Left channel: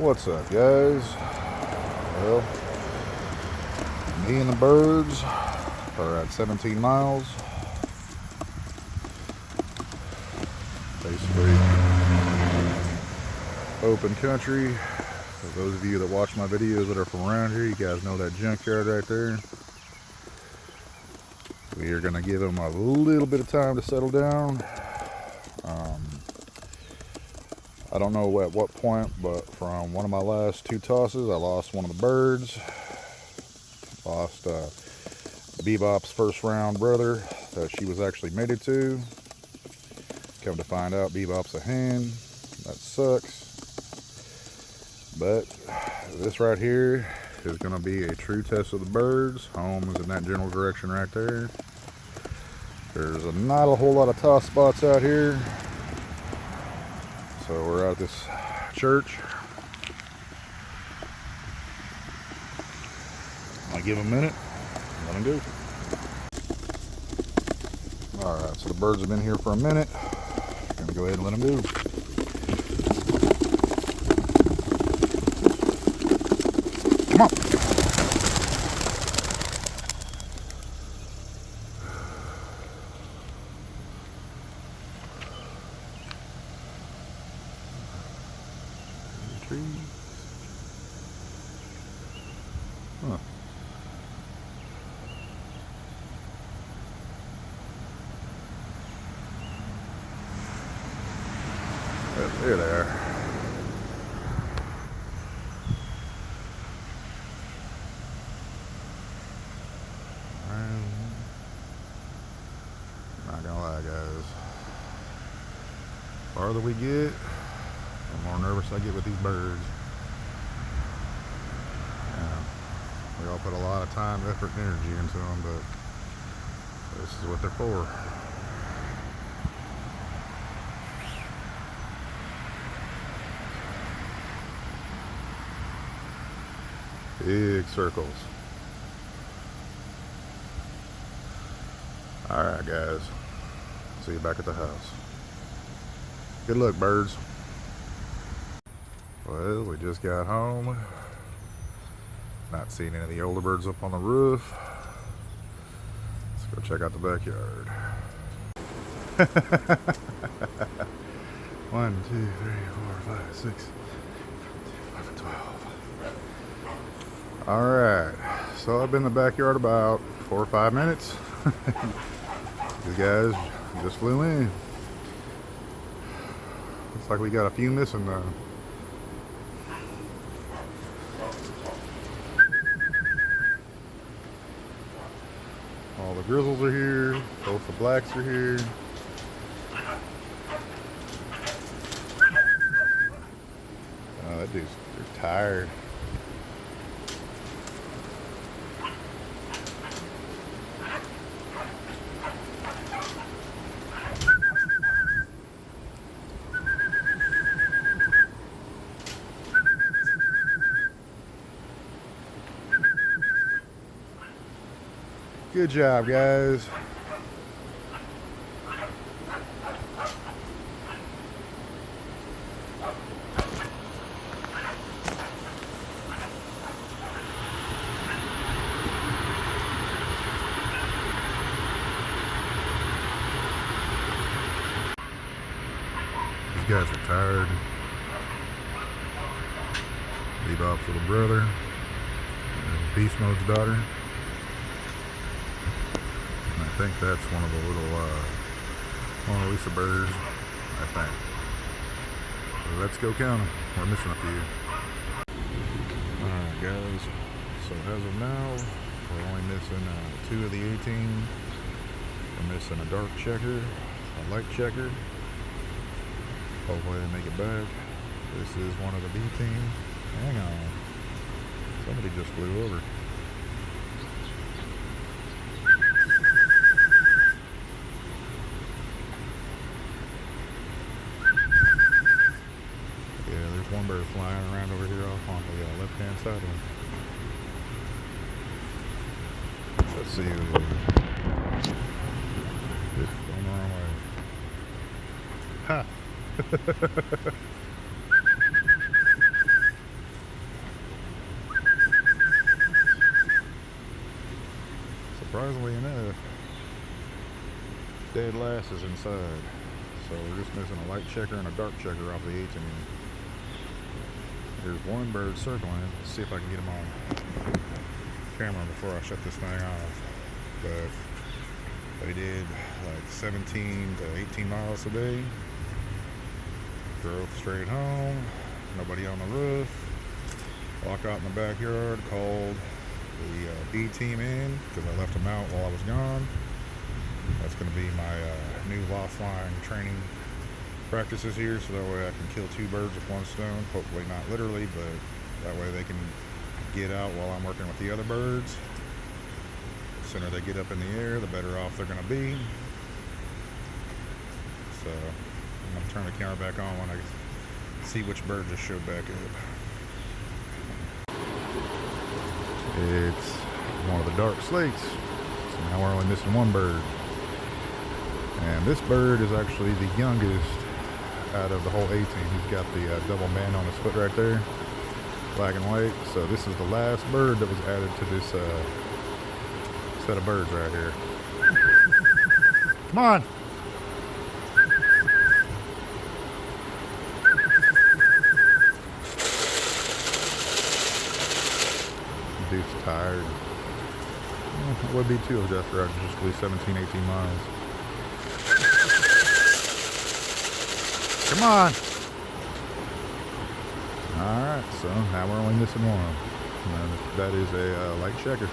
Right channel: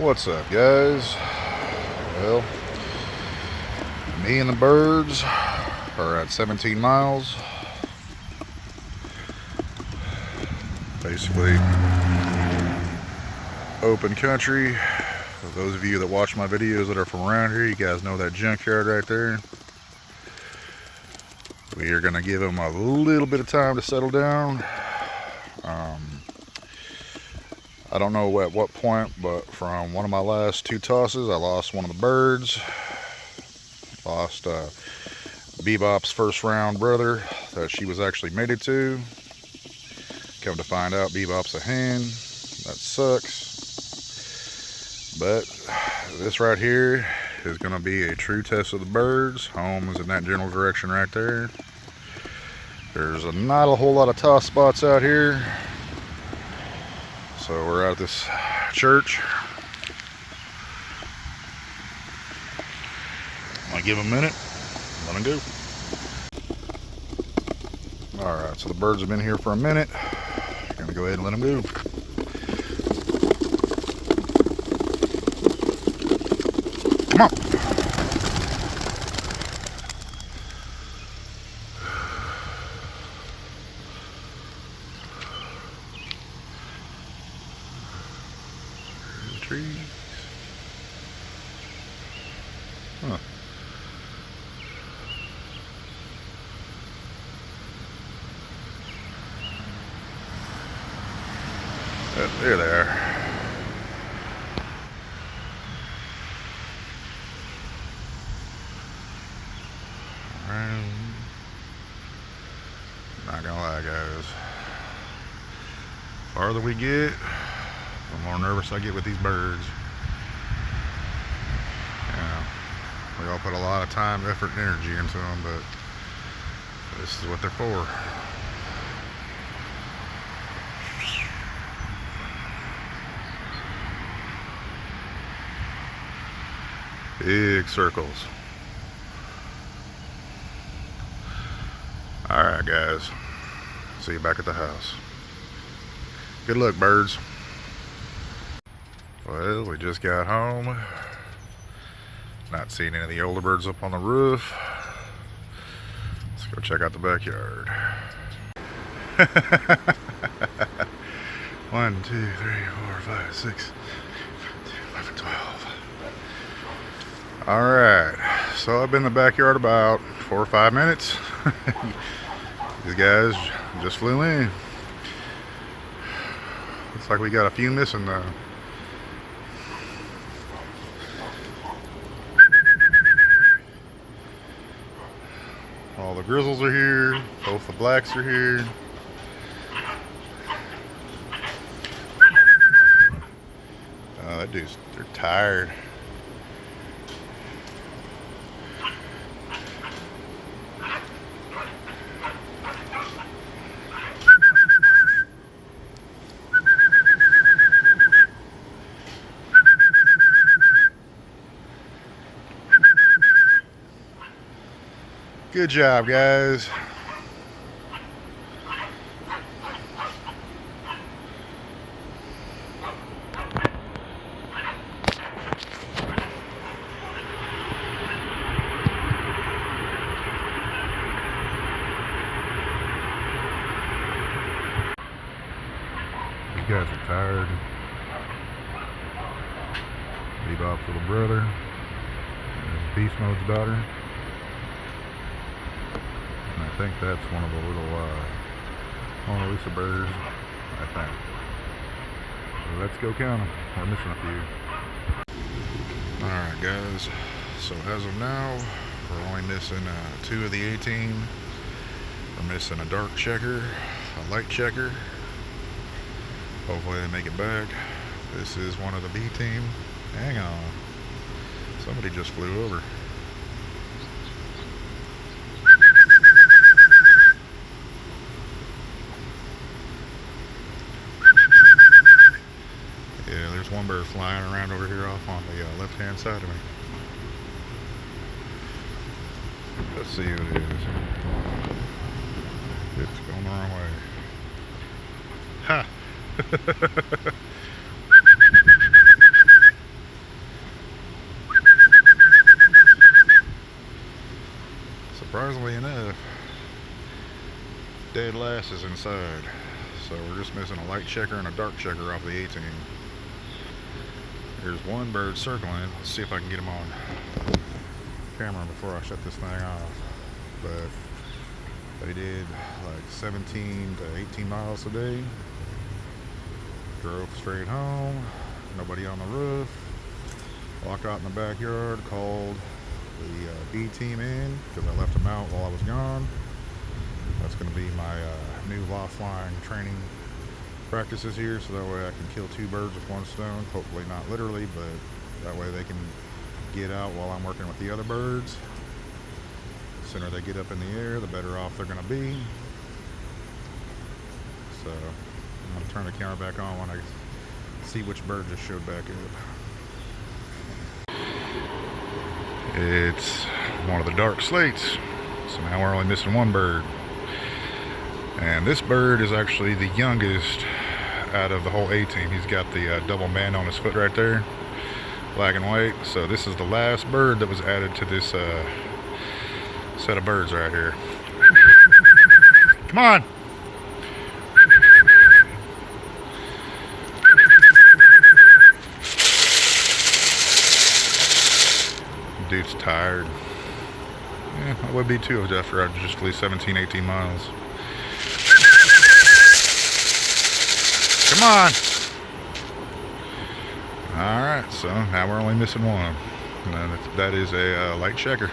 What's up, guys? Well, me and the birds are at 17 miles. Basically, open country. Those of you that watch my videos that are from around here, you guys know that junkyard right there. We are going to give them a little bit of time to settle down. I don't know at what point, but from one of my last two tosses, I lost one of the birds. Lost Bebop's first round brother that she was actually mated to. Come to find out, Bebop's a hen. That sucks. But this right here is going to be a true test of the birds. Home is in that general direction right there. There's not a whole lot of toss spots out here. So we're out at this church. I'll give them a minute, let them go. Alright, so the birds have been here for a minute. Gonna go ahead and let them go. Come on. There's the trees. Huh. There they are. Not gonna lie, guys. The farther we get, the more nervous I get with these birds. Yeah, we all put a lot of time, effort, and energy into them, but this is what they're for. Big circles. Alright, guys. See you back at the house. Good luck, birds. Well, we just got home. Not seeing any of the older birds up on the roof. Let's go check out the backyard. 1, 2, 3, 4, 5, 6, 11, 12. Alright, so I've been in the backyard about 4 or 5 minutes. These guys just flew in. Looks like we got a few missing though. All the grizzles are here, both the blacks are here. Oh, that dude's, they're tired. Good job, guys. These guys are tired. Bebop's little brother and Beast Mode's daughter. I think that's one of the little Mona Lisa birds, I think. So let's go count them. We're missing a few. Alright, guys, so as of now, we're only missing 2 of the 18. We're missing a dark checker, a light checker. Hopefully they make it back. This is one of the B team. Hang on. Somebody just flew over. There's one bird flying around over here off on the left-hand side of me. Let's see who it is. It's going the wrong way. Ha! surprisingly enough, dead last is inside. So we're just missing a light checker and a dark checker off the 18. There's one bird circling. Let's see if I can get him on camera before I shut this thing off. But they did like 17 to 18 miles today. Drove straight home. Nobody on the roof. Walked out in the backyard. Called the B team in because I left them out while I was gone. That's going to be my new loft flying training practices here, so that way I can kill two birds with one stone. Hopefully not literally, but that way they can get out while I'm working with the other birds. The sooner they get up in the air, the better off they're going to be. So I'm going to turn the camera back on when I see which bird just showed back up. It's one of the dark slates, so now we're only missing one bird. And this bird is actually the youngest out of the whole 18. He's got the double band on his foot right there, black and white. So this is the last bird that was added to this set of birds right here. Come on! Dude's tired. Yeah, I would be too after I just flew 17, 18 miles. Come on! Alright, so now we're only missing one. And that is a light checker.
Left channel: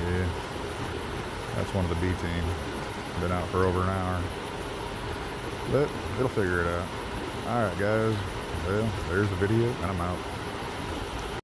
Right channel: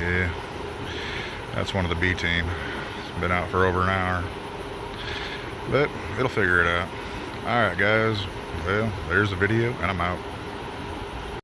Yeah, that's one of the B team. It's been out for over an hour. But it'll figure it out. Alright guys, well, there's the video and I'm out.